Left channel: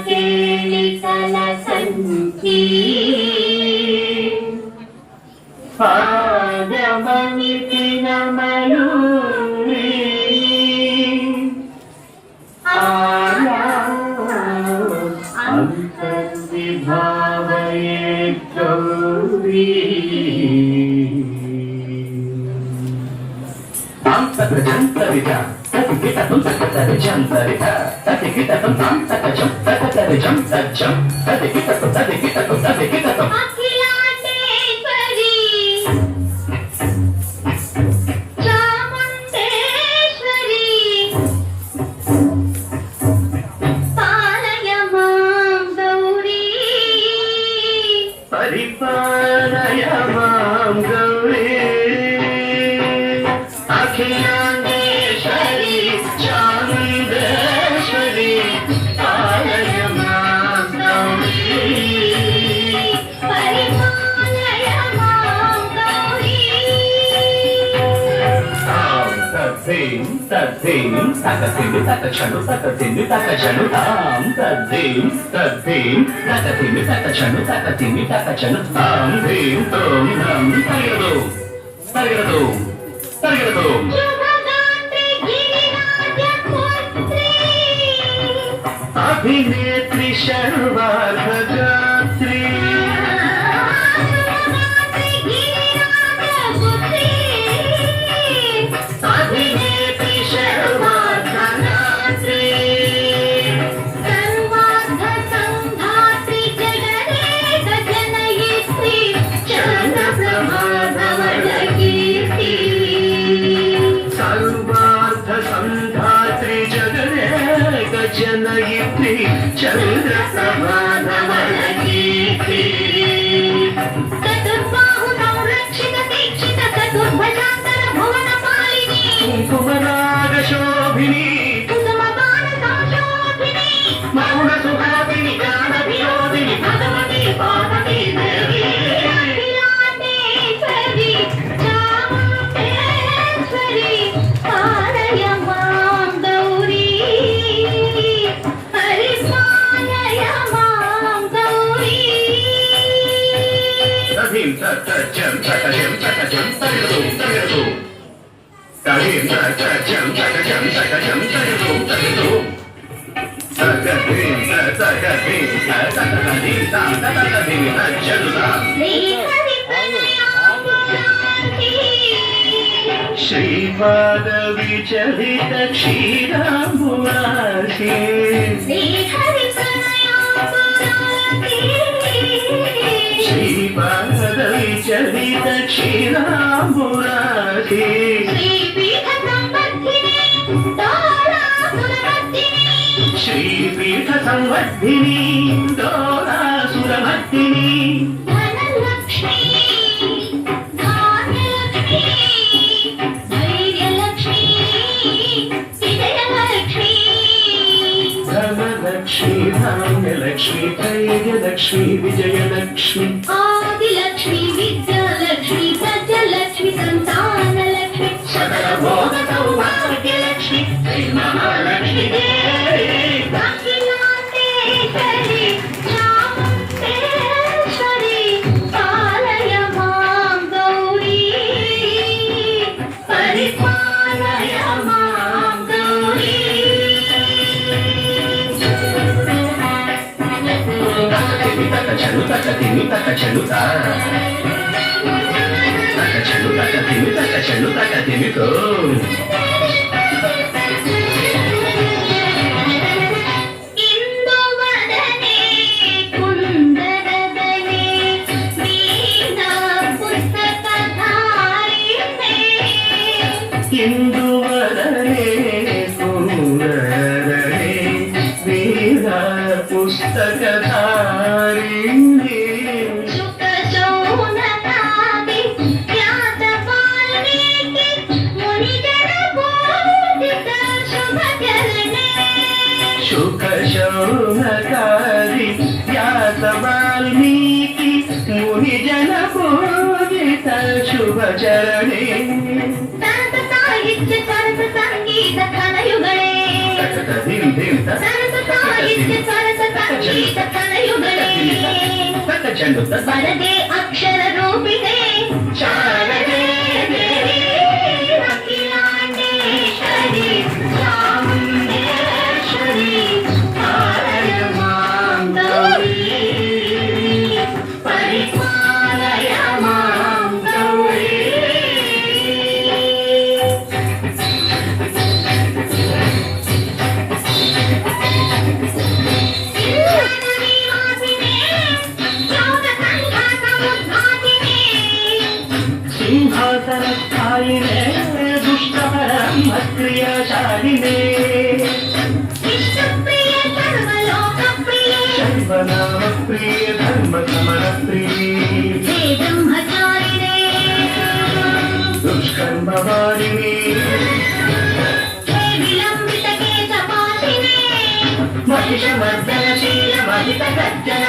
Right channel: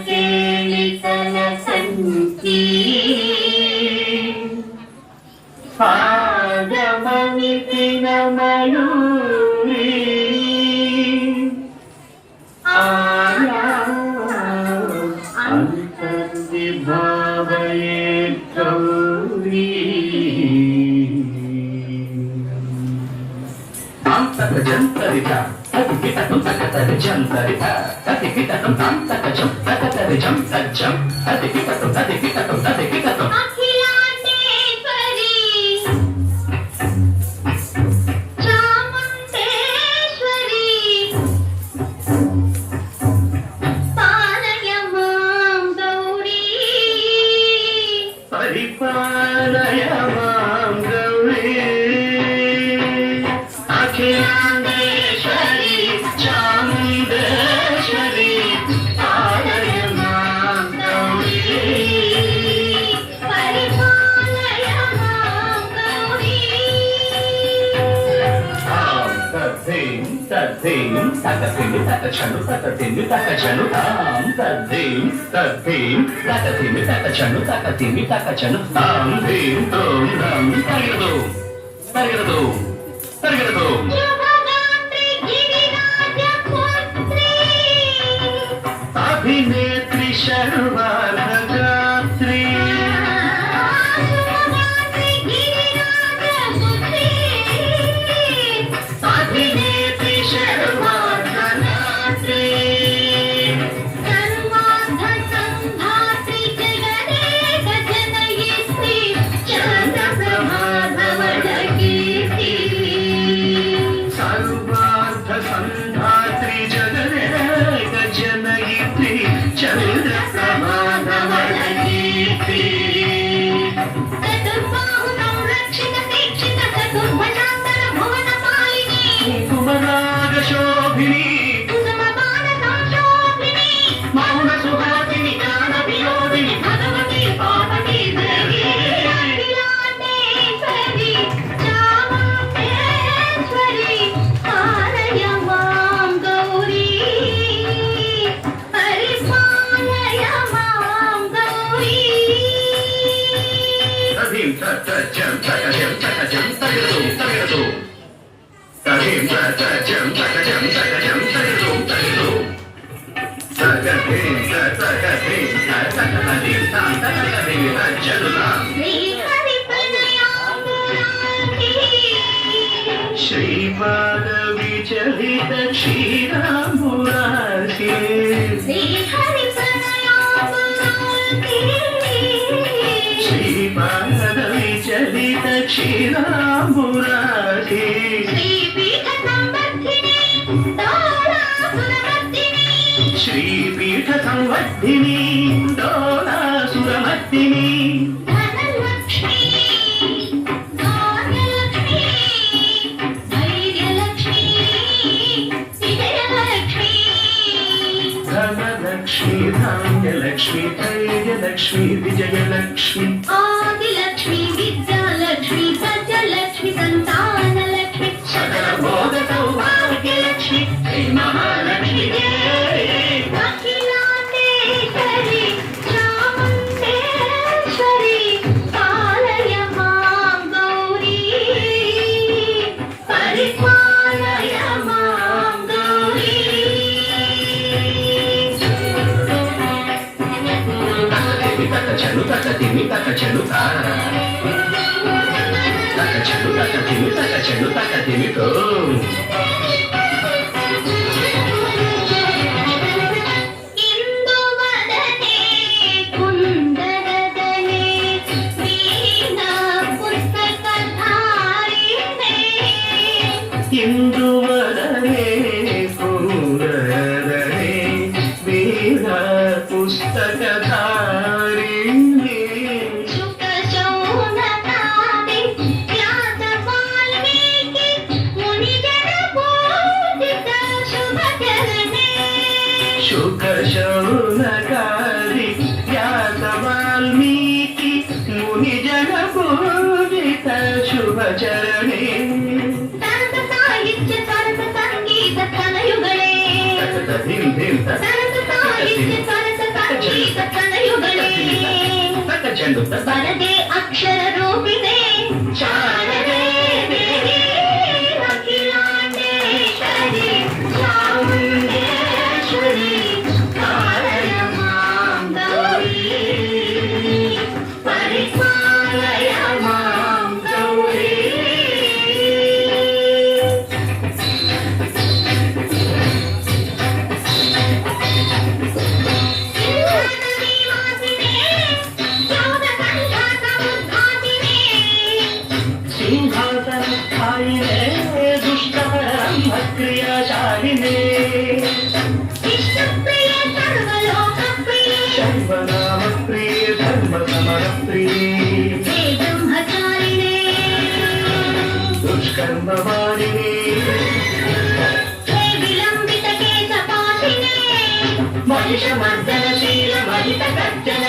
उपनिषदुद्यानकेलितल सन्ति पादममिति न Mayuri अंतर्विभावये Gauri Jantarika, tapi kita pun tak ada jantarika, tapi kita pun tak ada jam, tak ada jam, tapi kita pun. Akhilandeshwari, Chamundeshwari, Paraya Mam Gauri, Paraya Mam Gauri, Akhilandeshwari, Chamundeshwari, Paraya Mam Gauri, Paraya Mam Gauri. Tadim, Shubhagantri Giriraj Putri, Abhinetri Sharvardhatri, Shubhagantri Giriraj Putri, Abhinetri Sharvardhatri, Sarvardha Sandhatri Jaganeka Janayitri, Chandraprabhadhavalakirti. Sarvardha Sandhatri Jaganeka Janayitri, Chandraprabhadhavalakirti. चतुर्बाहुनौ रक्षित दीक्षित चतुर्भुजान्तర भुवनपालिनी कुमरागशोभिनी कुसुमपानसंशोभिनी मौनसुहासिनी गानविनोदिनी भगवती पार्वती देवी अखिलाण्डेश्वरी चामुण्डेश्वरी पालय मां गौरी हरिपालय मां Gauri Tadim takajam takajam takajam tagadu tagadu. Tadim takajam takajam takajam tagadu tagadu. Tagadim tagadim tagadim tagadim tajaduda. Srimad Vicharita Kshiramurati. Srimad Vicharita Kshiramurati. Shri Pitha Samvardhini Dora Suramardhini. Dhanalakshmi, Dhanalakshmi, Jayalakshmi, Vijayalakshmi. Adilakshmi, Vidyalakshmi, Satyalakshmi, Santanalakshmi, Sarvabhodatavargyalakshmi, Hey Mahalakshmi Devi. Akhilandeshwari, Chamundeshwari, Palaya Mam Gauri, Paripalaya Mam Gauri. Takachalu, takatimi, takachaluta. Takachalu, takatimi, takachalu, takatimi, go. ಇಂದುವದನೆ ಕುಂದರದನೆ Veena ಪುಸ್ತಕಧಾರಿಣೆ Induvarane, Sundarane, Veera Pustakadharini. Shuka ಶೌನಕಾದಿ ವ್ಯಾಸ ವಾಲ್ಮೀಕಿ ಮುನಿಜನ ಪೂಜಿತ ಶುಭಕರಣೆ ಶುಕ ಶೌನಕಾರಿ ವ್ಯಾಸ ವಾಲ್ಮೀಕಿ ಮುನಿಜನ ಪೂಜಿತ ಶುಭ ಚರಣೆ. ತದ చండు వరదే అక్షర రూపిణే శారదే దేవి అఖిలాండేశ్వరి చాముండేశ్వరి పాలయమాం గౌరీ పరిపాలయమాం గౌరీ సింహాసన స్థాయినే దుష్టహరమ క్రియాశాలినే శైవనామ ప్రియ ధర్మ సమర ప్రియ దుష్కర్మ వారిని మహిష మర్దనశీల మహిత కర్జన